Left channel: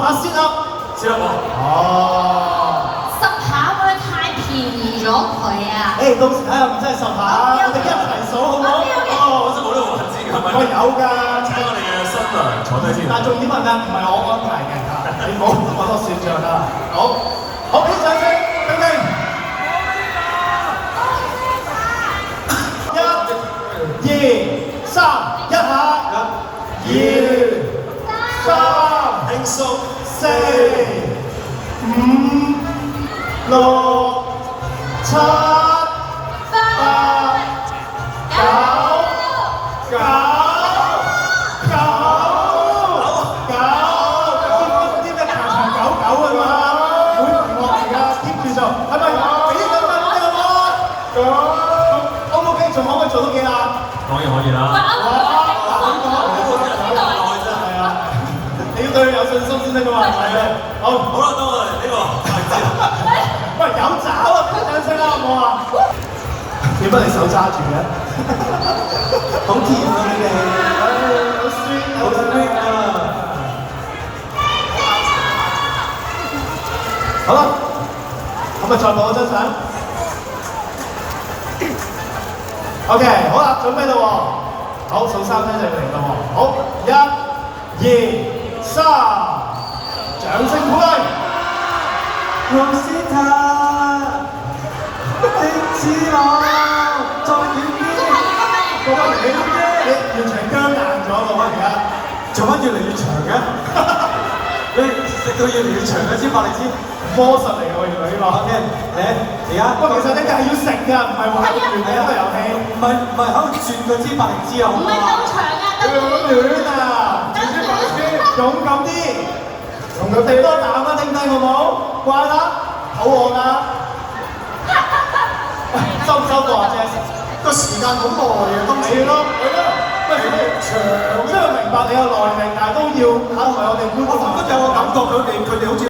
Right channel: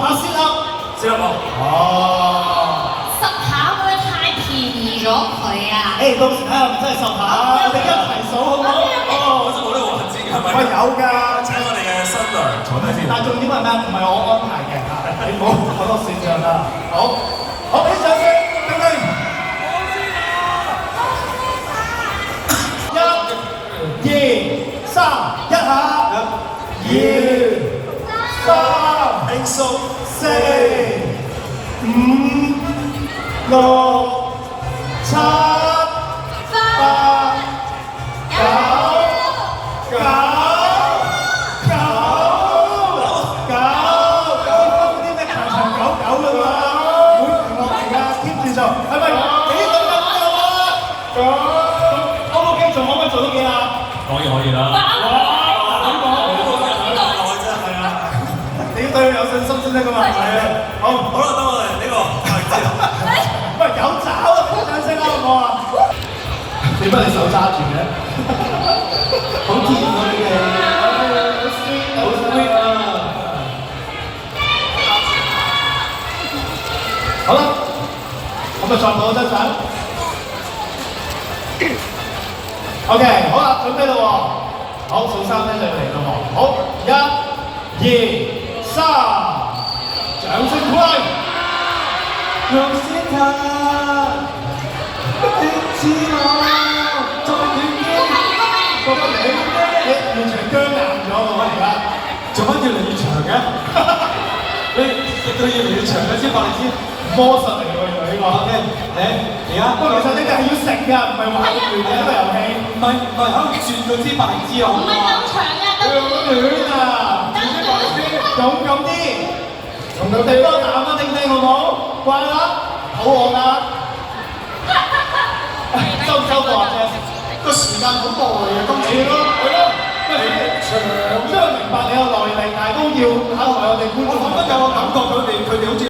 下先啦，先啦我。哦。10下會唔會太便宜咗佢啊？誒，到時睇下唔真係10下，我哋一齊數好唔好？哦，好似冇呢個環節㗎，係咪？喂，有㗎。請我哋嘅新娘坐低先。但重點係咩？唔係我安排嘅嚇，你唔好我都算賬啦。好，我俾掌聲，丁丁。1、2、3，一下。1、2、3，輕鬆。4、5、6、7、8、9、係咪幾等緊㗎嘛？O 唔 OK？仲可唔可以做到幾下？當然可以啦。係啊，你要對佢有信心先得㗎嘛。係啊，好啦，等我哋呢個位置。喂，有爪啊！聽聲啦，好唔好啊？點解你手揸住嘅？好甜啊！你哋，好 sweet，好 sweet 啊！好啦。咁啊，再攞張相。OK， 好啦，準備啦喎。好，數3聲就要嚟啦喎。好，1、2、3，掌聲鼓勵。Rosita， 你知我重點啲。覺得你完全僵硬咗喎，而家做乜越嚟越長嘅？你食到越嚟越長嘅先話你知。魔術嚟㗎喎，原來呢個。OK，嚟而家。不過其實呢個係要食㗎，唔係話亂嘅一個遊戲。唔係喺度轉佢知白知啊。唔係咁長啊，佢咁亂啊！轉知白知，勇敢啲，同佢哋多啖啊，聽唔聽好唔好？乖啦，肚餓啦。收唔收貨啊？個時間好耐啊，今次。係咯，喂，長雖然明白你有耐力，但係都要考慮我哋觀眾。我覺得有個感覺，佢哋好似。